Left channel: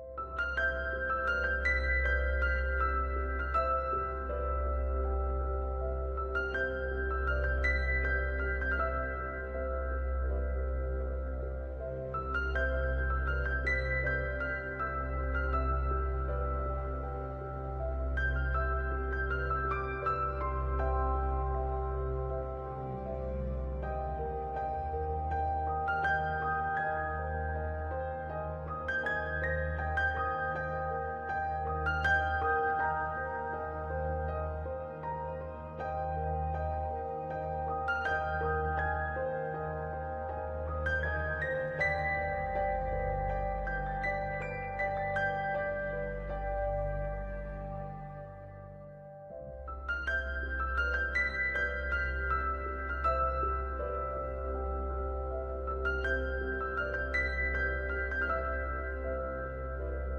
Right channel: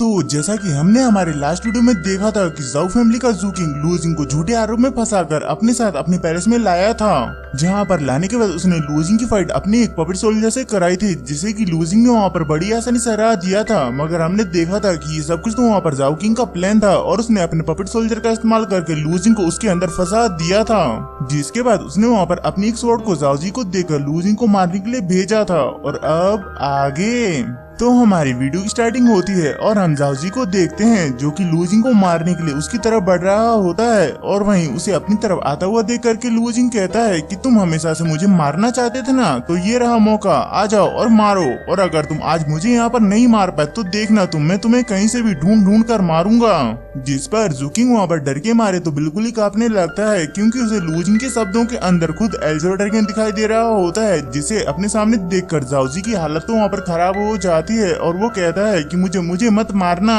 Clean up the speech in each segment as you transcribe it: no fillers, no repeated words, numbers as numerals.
तो जैसा कि हमने हमारे लास्ट वीडियो में देखा था कि जाओ फैमिली का जूकिंग लूजिंग को झूठे आरोप में फंसाकर अपने साथ अपने पैलेस में लाया था, जहां पर लाने के बाद उसने लूजिंग की फाइट अपने एक पपेट सोल्जर से कराई थी, जिसे कि लूजिंग ने वहां पर बड़ी आसानी से हरा दिया था। मगर हमने देखा था कि ये सब कुछ तो वहां पर जाओ किंग का प्लान था और उसने अपने पपेट सोल्जर का इस्तेमाल करके लूजिंग को उसके अंदर फंसा दिया था, जिसके बाद उसने वहां पर अपनी एक स्वॉर्ड को जाओजी को देकर लूजिंग को मारने के लिए भेजा था। और अब आगे तो हमारी वीडियो की स्टार्टिंग होती है और हम जाओजी को देखते हैं जो कि लूजिंग को मारने के लिए उसकी तरफ बढ़ रहा होता है, और वहीं उसे अपनी तरफ आता हुआ देख करके लूजिंग कहता है कि तुम हमेशा से मुझे मारना चाहते थे ना, तो ये रहा मौका, आ जाओ और मारो। और अगर तुम आज मुझे यहाँ पर नहीं मार पाए तो देखना मैं तुम्हें कहीं से भी ढूंढ ढूंढ कर मारूंगा। जिस पर जूकिंग वहाँ पर डर के मारे तो बिल्कुल ही कांपने लगता है, क्योंकि उसे लूजिंग के शब्दों के अंदर खुद एल्जो ड्रैगन दिखाई दे रहा होता है, जिसे अपने सामने देखकर जाओजी की हालत तो वहाँ पर खराब हो जाती है और वो कहता है कि मुझे मत मारना।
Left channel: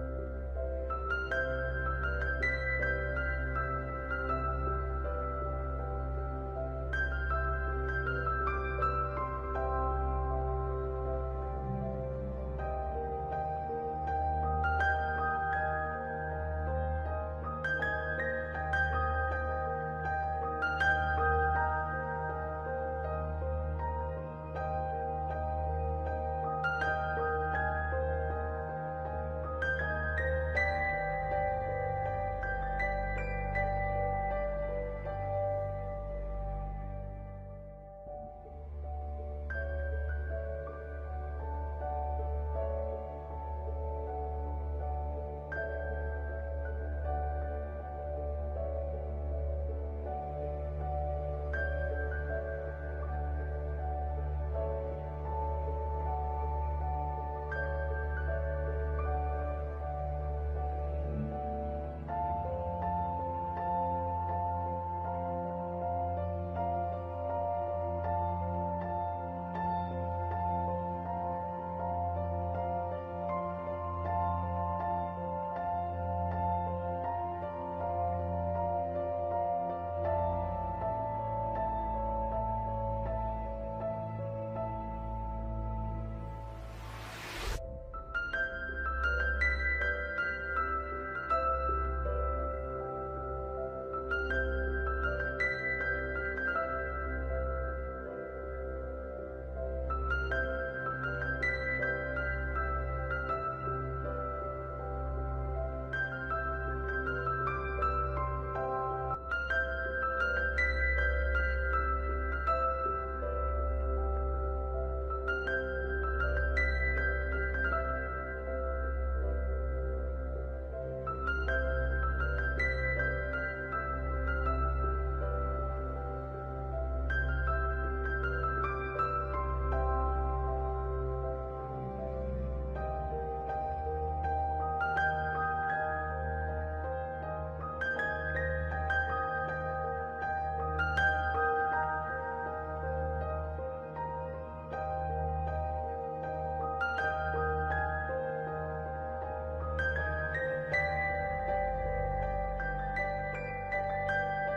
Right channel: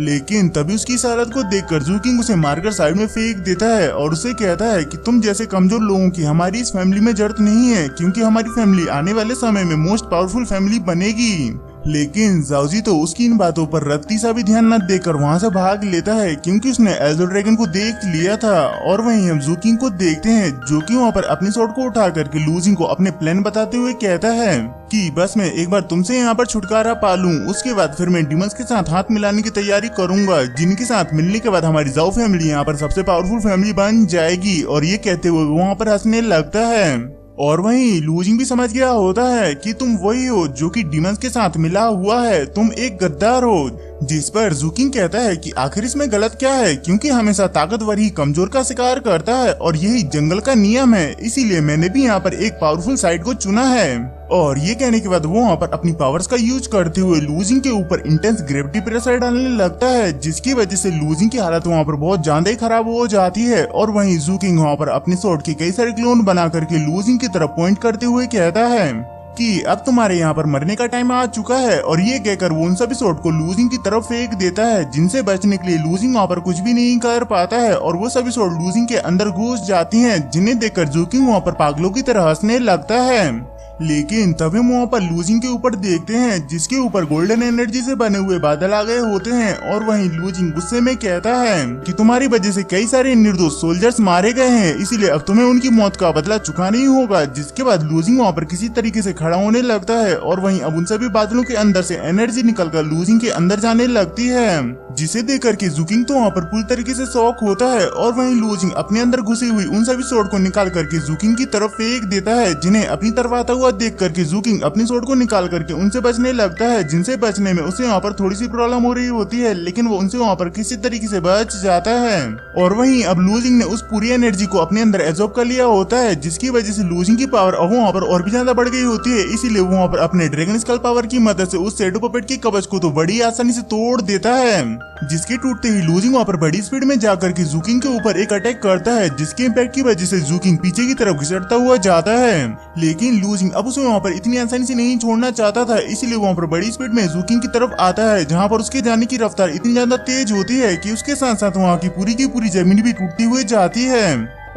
लेकिन तभी उसकी इस हालत को देखकर जूकिंग उसे मारकर साइड में फेंक देता है और उसे कहता है कि तुम जैसे कमजोर लोगों की हमारी इस फैमिली में जरूरत नहीं है, क्योंकि हमारी फैमिली आने वाले समय में मोस्ट पावरफुल फैमिली बनेगी। लेकिन जाओजी तो उसकी इन बातों पर रत्ती सा भी ध्यान न देकर वहां से भाग लेता है, क्योंकि उसने एल्जो ड्रैगन को देख लिया था। और वहीं हम जूकिंग को देखते हैं जो कि वहां पर अपनी स्वॉर्ड को उठा करके लूजिंग को अपने प्लान बताते हुए कहता है कि बस मैं एक बार तुमसे यहाँ पर छुटकारा पा लूं, उसके बाद फिर मैं डिमंस के साथ हाथ मिलाने की तैयारी करूंगा, जिनके साथ मिलने के बाद हमारी जाओ फैमिली यहाँ पर सबसे पावरफुल फैमिली बन जाएगी। और ये कहते हुए वहाँ पर हंसने लगता है। और वहीं लूजिंग भी समझ गया होता है कि तुम वही हो जो कि डिमंस के साथ मिला हुआ है, तुम एक गद्दार हो। जिस पर जूकिंग कहता है कि आखिर इसमें गलत क्या है, क्योंकि हमेशा ताकतवर ही कमजोर का शिकार करता है और यही जंगल का नियम है, इसीलिए मैंने भी यहाँ पर एक पावरफुल साइड को चुना है। और ये कहने के बाद वो वहाँ पर अपनी पावर्स का यूज करते हुए लूजिंग के ऊपर इंटेंस ग्रेविटी प्रेशर डालने लगता है, जिसकी वजह से लूजिंग की हालत वहाँ पर बहुत ज्यादा ही खराब हो जाती है। और वहीं जूकिंग वहाँ पर अपनी स्वॉर्ड के कई सारे क्लोन बना करके लूजिंग की तरफ पॉइंट करते हुए कहता है कि अब तुम्हारे यहाँ पर मरने का टाइम आ चुका है। और ये कहकर वो उन सभी स्वॉर्ड को लूजिंग की तरफ फेंक देता है, जिनसे बचने के लिए लूजिंग वहाँ पर कुछ भी नहीं कर पाता है और वो सभी स्वॉर्ड लूजिंग के अंदर घुस जाती हैं, जिन्हें देखकर जूकिंग वहाँ पर पागलों की तरह हंसने लगता है। लेकिन तभी हम वहाँ पर लूजिंग के ऊपर देखते हैं, जिसके ऊपर गोल्डन एनर्जी से बने हुए बादल आ गए होते हैं। और वहीं लूजिंग गुस्से में कहता है कि तुम्हारी वजह से कई सारे निर्दोष सोल्जर्स मारे गए हैं, इसीलिए अब तुम्हें उनकी मौत का बदला चुकाना ही होगा। जिसके बाद लूजिंग वहाँ पर किसी तरीके से खड़ा होने लगता है और वहीं अब उन सभी बादलों के अंदर से एनर्जी निकलकर लूजिंग के अंदर जाने लगती है, जिसे देख करके जूकिंग तो वहाँ पर पूरी तरीके से शॉक होता है। और वहीं लूजिंग अपने अंदर घुसी हुई उन सभी स्वॉर्ड को निकाल करके जूकिंग की तरफ फेंक देता है, जिन्हें अपनी तरफ आता हुआ देख करके जूकिंग अपनी स्वॉर्ड को निकाल करके उनसे बचने लगता है, जिनसे बचने में उसे वहाँ पर थोड़ी सी प्रॉब्लम हो रही होती है, लेकिन वो उनसे वहाँ पर किसी तरीके से बच जाता है। और वहीं अब लूजिंग ने उस पूरी एनर्जी को अपने अंदर एब्जॉर्ब कर लिया होता है, जिसकी वजह से लूजिंग की पावर अब वहाँ पर और भी ज्यादा बढ़ गई होती है। इसीलिए वो वहाँ पर अपने ड्रैगन स्कल पावर की मदद से उस शैडो पपेट की कवच को तो बड़ी आसानी से तोड़ देता है, जिसके टूटते ही लूजिंग वहाँ पर बड़ी स्पीड में जाकर के जूकिंग के ऊपर एक अटैक करता है, जिसके इम्पैक्ट की वजह से जूकिंग पीछे की तरफ घिसटता हुआ जाता है। लेकिन लूजिंग अब उसे वहाँ पर इतनी आसानी से नहीं छोड़ना चाहता था, इसलिए वहाँ पर बड़ी स्पीड में जूकिंग की तरफ आता है, जहाँ पर उसके जाने की रफ्तार इतनी ज्यादा तेज होती है कि उसके साथ साथ वहाँ की पूरी जमीन भी टूटती हुई जाती है।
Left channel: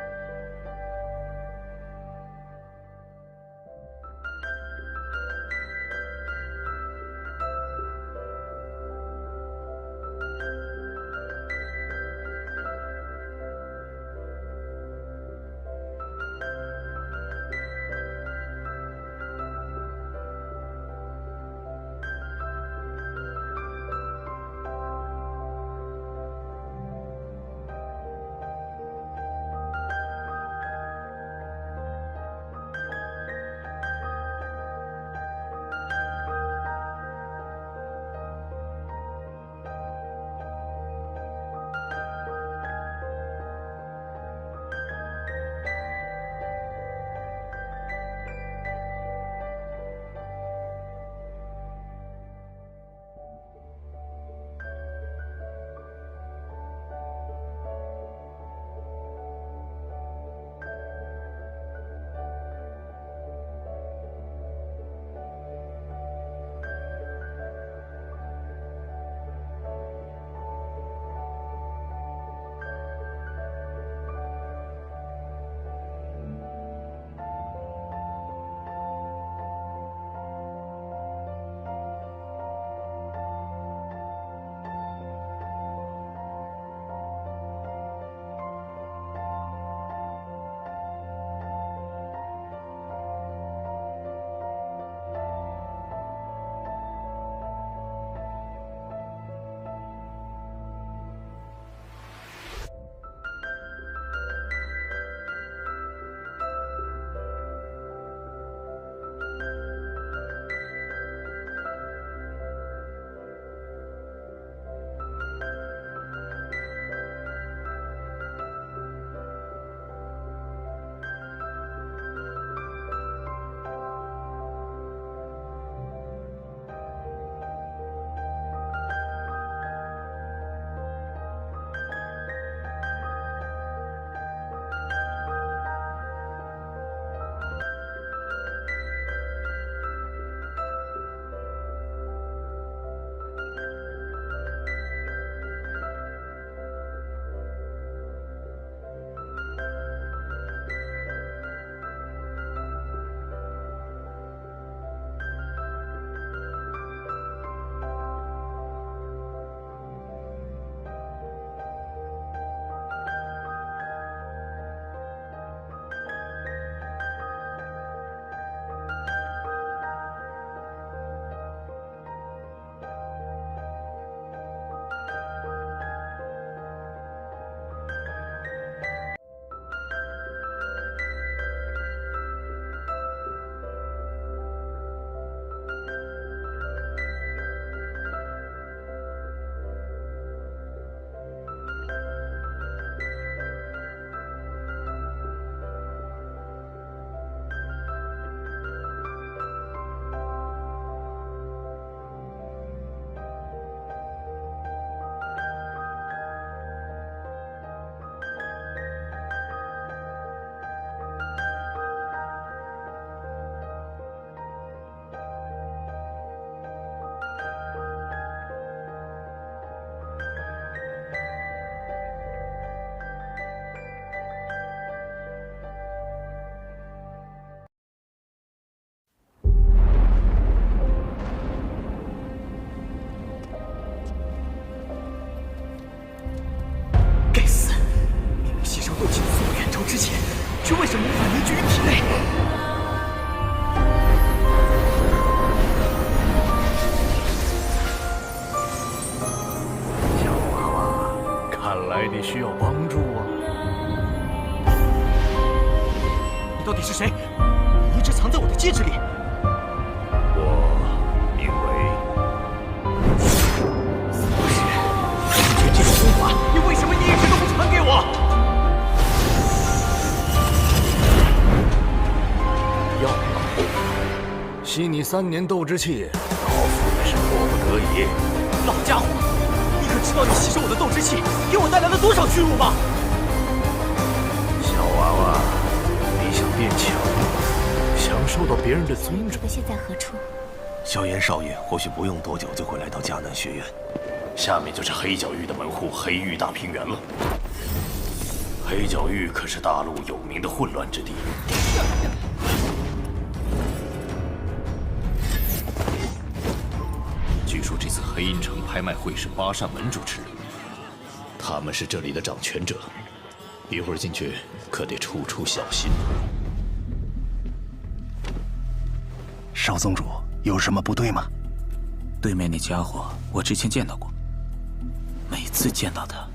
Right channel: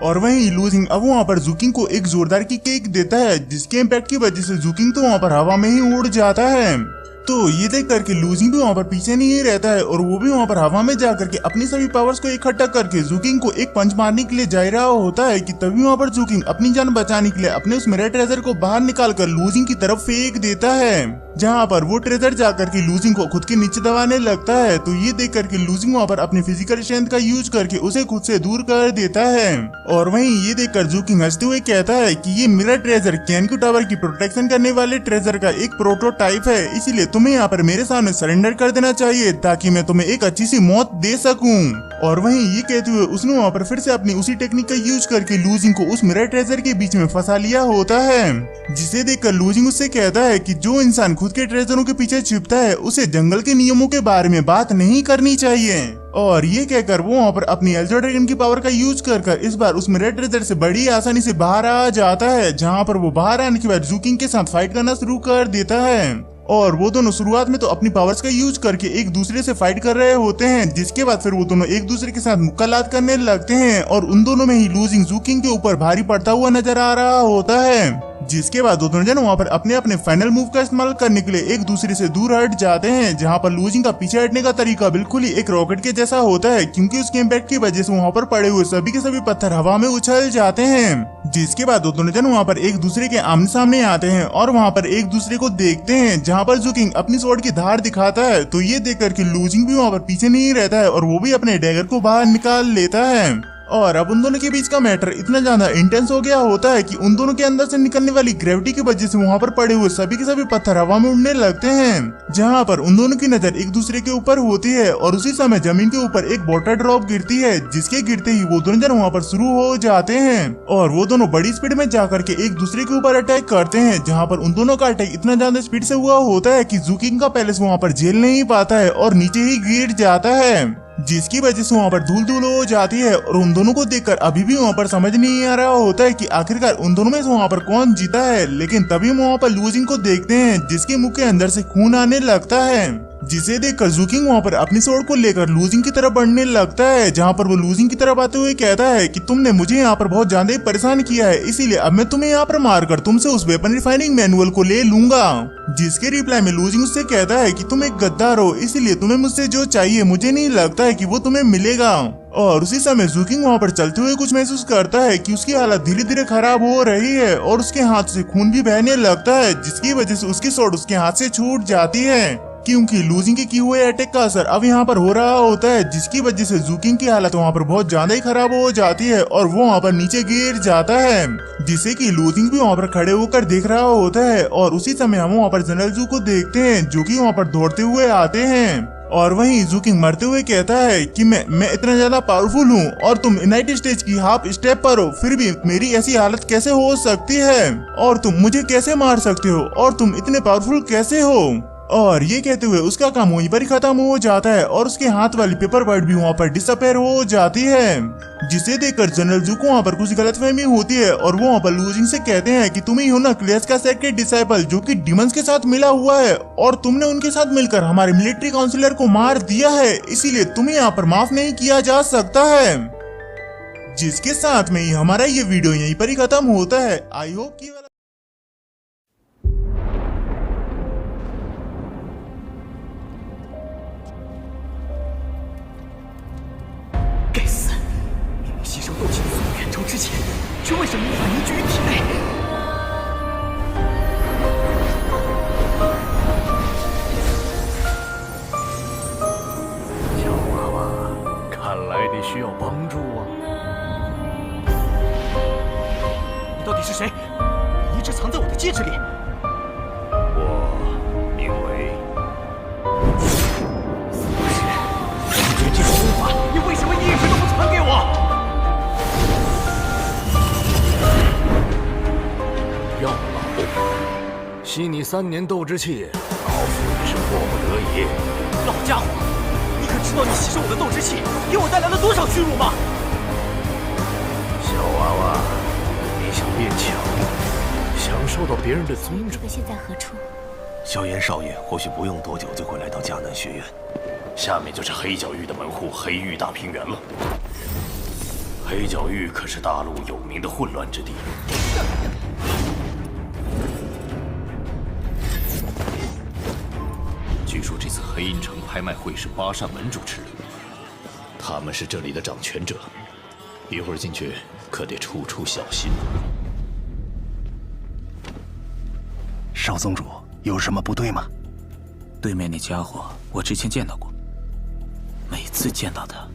और वहीं लूजिंग अब वहाँ पर जूकिंग को एक जोरदार की किक देता है, जिसके इम्पैक्ट की वजह से जूकिंग तो वहाँ पर हवा में ही उड़ जाता है। तो ये देख करके लूजिंग भी वहाँ पर पीछे नहीं रहता है और वो भी वहाँ पर हवा में जा करके अपनी सभी पावर्स को इकट्ठा करके जूकिंग को एक पंच मारने के लिए जा रहा होता है कि तभी वहाँ पर जूकिंग अपनी जान बचाने के लिए अपने उस मिरर ट्रेजर को बाहर निकाल कर लूजिंग की तरफ फेंक देता है, जहाँ पर वो ट्रेजर जाकर के लूजिंग को खुद के नीचे दबाने लगता है। तो ये देख करके लूजिंग वहाँ पर अपनी फिजिकल स्ट्रेंथ का यूज करके उसे खुद से दूर कर देता है। और वहीं ये देखकर जूकिंग हंसते हुए कहता है कि ये मिरर ट्रेजर कैनक्यू टावर की प्रोटेक्शन करने वाले ट्रेजर का एक प्रोटोटाइप है, इसीलिए तुम्हें यहाँ पर मेरे सामने सरेंडर कर देना चाहिए ताकि मैं तुम्हें एक अच्छी सी मौत दे सकूं। और वहीं ये कहते हुए उसने वहाँ पर फिर से अपनी उसी टेक्निक का यूज करके लूजिंग को उस मिरर ट्रेजर के बीच में फंसा लिया होता है, जिसे देखकर लूजिंग उससे कहता है कि जो इंसान खुद के ट्रेजरों के पीछे छिपता है उसे जंगल के नियमों के बारे में बात नहीं करनी चाहिए। और ये कहकर वो वहाँ पर अपनी एल्जो ड्रैगन की पावर का यूज कर इस बार उस मिरर ट्रेजर से बड़ी आसानी से बाहर आ जाता है, जहाँ पर वो बाहर आने के बाद जूकिंग के साथ फाइट करना शुरू कर देता है। और वो दोनों शुरुआत में तो अपनी पावर्स का यूज करके एक दूसरे से फाइट कर रहे होते हैं, जिसके बाद फिर वो दोनों एक दूसरे के साथ मुक्कालात करने लगते हैं और उन दोनों में ही लूजिंग जूकिंग के ऊपर भारी पड़ता हुआ नजर आ रहा होता है। जिसके बाद दोनों जन वहाँ पर अपने अपने फाइनल मूव का इस्तेमाल करने के लिए एक दूसरे से दूर हट जाते हैं, जहाँ पर लूजिंग का पीछे हटने का तरीका बिल्कुल ही एक रॉकेट के जैसा होता है, क्योंकि उसके इम्पैक्ट की वजह से वहाँ पर पड़े हुए सभी के सभी पत्थर हवा में उछल जाते हैं। जिसके बाद दोनों जन वहाँ पर एक दूसरे के आमने सामने आते हैं और वहाँ पर एक दूसरे को देखते हैं, जहाँ पर ज़ूकिंग अपनी स्वॉर्ड की धार दिखाता है। तो ये देखकर कि लूजिंग भी वहाँ पर पीछे नहीं रहता है और वो भी अपने डैगर को बाहर निकाल लेता है। और अब उन दोनों के बीच का मैटर इतना ज्यादा इंटेंस हो गया होता है कि उन दोनों के अंदर से निकलने वाली ग्रेविटी की वजह से वहाँ पर पड़े हुए सभी के सभी पत्थर हवा में उड़ने लगते हैं, जहाँ पर उन दोनों की नजर एक दूसरे के ऊपर होती है और उसी समय जमीन के ऊपर एक वाटर ड्रॉप गिरती है, जिसके गिरते ही वो दोनों जन वहाँ पर शुरू हो जाते हैं और वो दोनों बड़ी स्पीड में जाकर के एक दूसरे के ऊपर अटैक करते हैं, जहाँ पर उन दोनों का अटैक इतना ज्यादा स्पीड से हुआ होता है कि ज़ूकिंग का पैलेस वहाँ पर झेल नहीं पाता है और नीचे ही गिर जाता है, जिसकी वजह से वहाँ पर धूल धूल हो जाती है। और उन दोनों को देखकर अभी भी वहाँ पर समझ नहीं आ रहा होता है कि आखिरकार उन दोनों में से वहाँ पर कौन जीता है। लेकिन तभी वहाँ पर लूजिंग को देखते हैं, जिसके मुंह के अंदर से खून आने लगता है, जिसे देखकर ज़ूकिंग वहाँ पर अपनी स्वॉर्ड को लेकर लूजिंग की तरफ बढ़ने लगता है, जहाँ पर वो लूजिंग की तरफ आते हुए कहता है कि तुमने मुझे यहाँ पर बहुत ज्यादा परेशान किया है, इसीलिए अब मैं तुम्हें यहाँ पर मारकर तुमसे उस वेपन रिफाइनिंग मैनुअल को ले लूंगा। जिसके रिप्लाई में लूजिंग उससे कहता है कि तुम एक गद्दार हो, इसलिए तुम्हें मुझसे जो चाहिए मुझे नहीं लगता है कि वो तुम्हें मिलेगा। और उसी समय ज़ूकिंग वहाँ पर चलते हुए कुछ महसूस करता है कि उसकी हालत धीरे धीरे खराब हो रही है और उसके हाथ से खून भी बहने लगता है, जिसकी वजह से उसकी स्वॉर्ड उसके हाथ से छूट जाती है, क्योंकि लूजिंग के किए हुए अटैक का असर अब यहाँ पर हो रहा होता है, जिसकी वजह से ज़ूकिंग की हालत वहाँ पर बहुत ज्यादा ही खराब हो जाती है और वो वहाँ पर नीचे गिर जाता है, जिसे कि लूजिंग भी वहाँ पर खड़े होकर देख रहा होता है। और उसी समय हम वहाँ पर जनरल ज़ू को देखते हैं, जो कि वहाँ पर दौड़ते हुए आते हैं और वहीं ज़ूकिंग मरते हुए कहता है कि मैं इतना ज्यादा पावरफुल हूँ और तुम यूनाइटेड स्टेट्स की हाफ स्टेप पर हो, फिर भी मेरी ऐसी हालत कैसे हो सकती है और तुम मुझे कैसे मार सकते हो और तुम इतने पावरफुल कैसे हो। और ये कहते हुए उसका काम वहीं पर ही खत्म हो जाता है और उसके हाथ वाली पेपर वर्ड भी वहाँ पर डिसअपेयर हो जाती है, जिसे देखकर जनरल ज़ू को वहाँ पर कुछ गलतफहमी होती है और वो वहाँ पर लूजिंग से कहते हैं कि तुम ही हो ना क्लेस का सेक्रेट डिसाइपल जो कि डिमंस के साथ मिला हुआ है और तुमने उनके साथ मिलकर हमारे मिलिट्री काउंसिलर को मार दिया है, इसीलिए तुम्हें यहाँ पर माफ नहीं किया जा सकता है। जिसके साथ में ही हमारा ये वीडियो यहीं पर ही खत्म होता है। I hope कि该死！明明吸收斗气的速度远超之前，却为什么无法凝聚于体内？小娃娃，看来你需要帮助啊！你到底是谁？你一直藏在我的戒指里。我名为……不是，解决这个功法，你为什么一直都不传给我？药老，吸你3年斗之气，老夫也是迫不得已。老家伙，你可知道你吸收我的斗之气给我带来了多少屈辱吗？小娃娃，你想变强，想受到别人的尊重。这个现在何处？萧炎少爷或许不用多久就会来到迦南学院，下面就是黑角域的门户黑域大平原了。黑角域可是大陆有名的混乱之地。据说这次黑阴城拍卖会是八扇门主持，他们是这里的掌权者，一会儿进去可得处处小心。少宗主，有什么不对吗？对面那家伙，我之前见到过。每次见到他，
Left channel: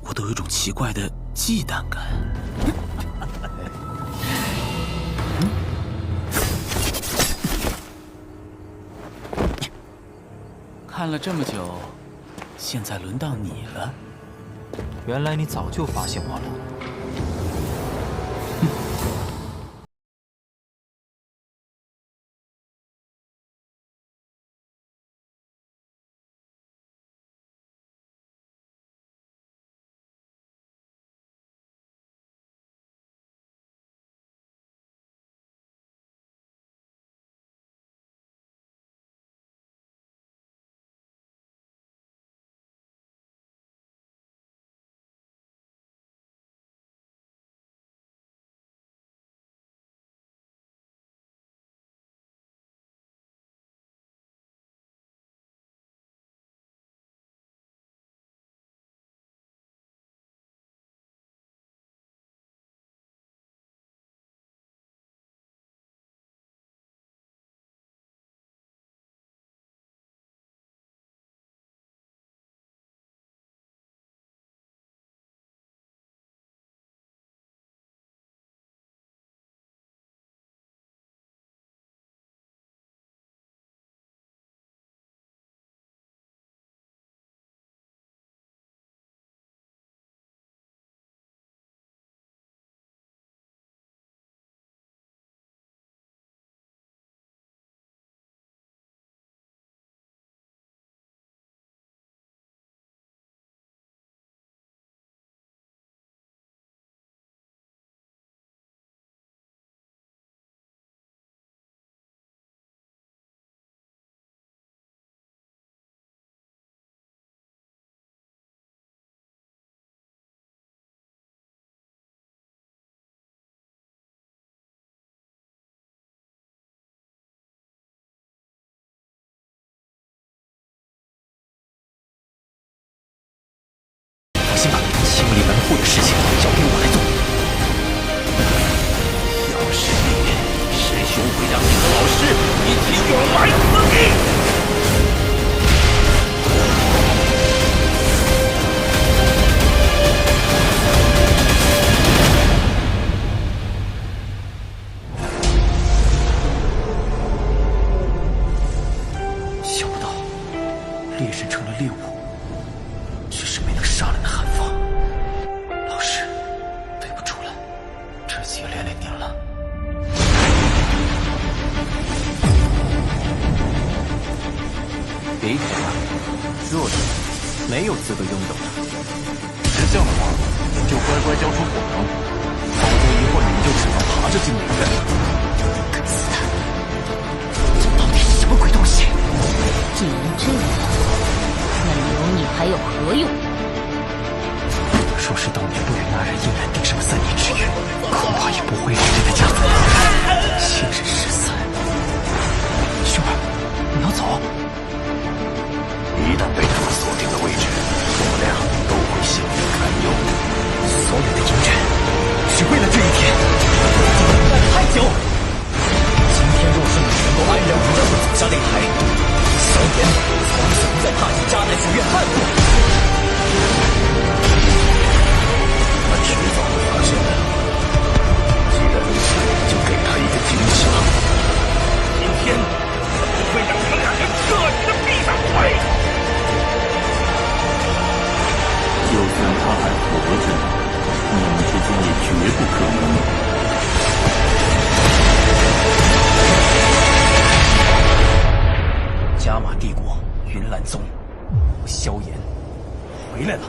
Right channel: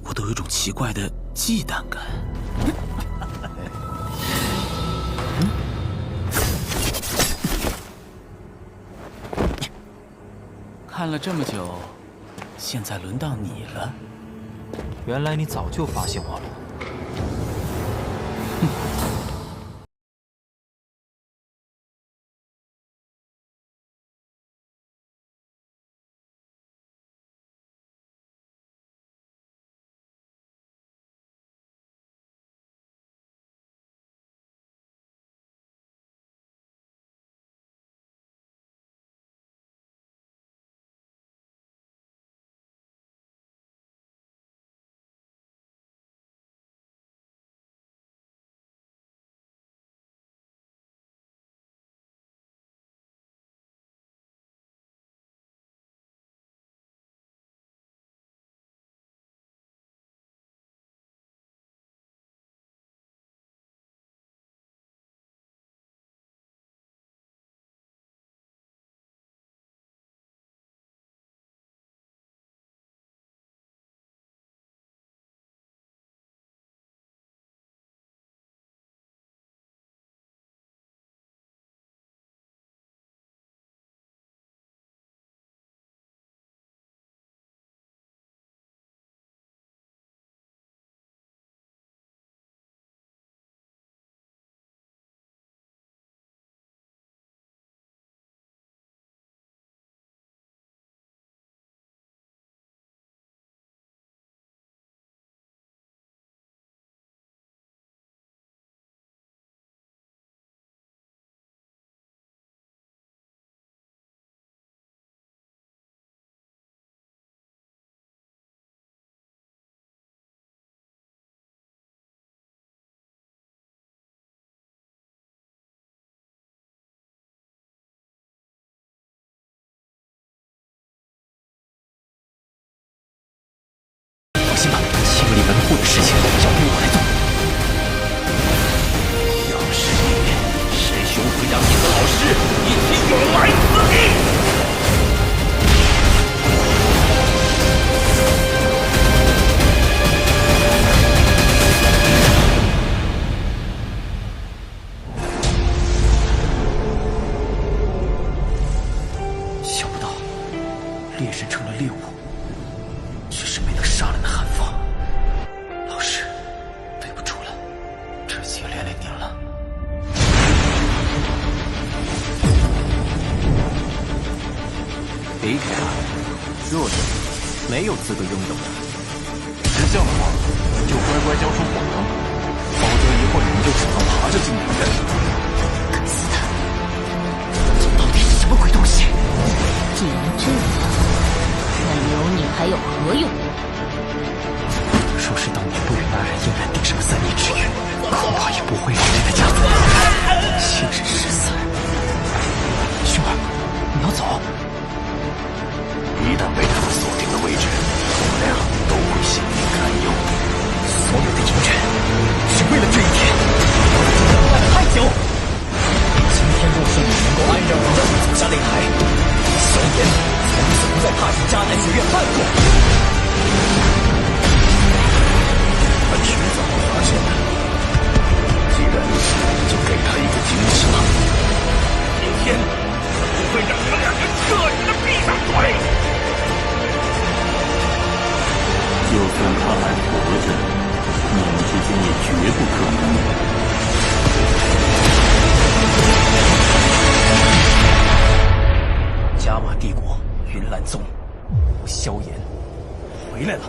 我都有一种奇怪的忌惮感。看了这么久，现在轮到你了。原来你早就发现我了。放心吧，清理门户的事情交给我来做。要是你，师兄会让你和老师一起永埋死地。想不到，猎人成了猎物，却是没能杀了那韩放。老师，对不住了，这次也连累您了。离开吧，弱者没有资格拥有的。识相的话，就乖乖交出火能，否则一会儿你们就只能爬着进内院了。该死的！这到底是什么鬼东西？既然这样，那留你还有何用？若是当年不与那人硬然定什么3年之约，恐怕也不会让这个家族亲人失散。兄儿，你要走？一旦被他们锁定了位置，我们俩都会性命堪忧。所有的阴谋，只为了这一天，我已经等待了太久。今天若是你能够安然无恙地走下擂台，萧炎从此不再踏进迦南学院半步。他迟早会发现的。既然如此，就给他一个惊喜吧。今天，我不会让你们两人彻底的闭上嘴。就算他还活着，你们之间也绝不可能。加玛帝国云岚宗，萧炎回来了。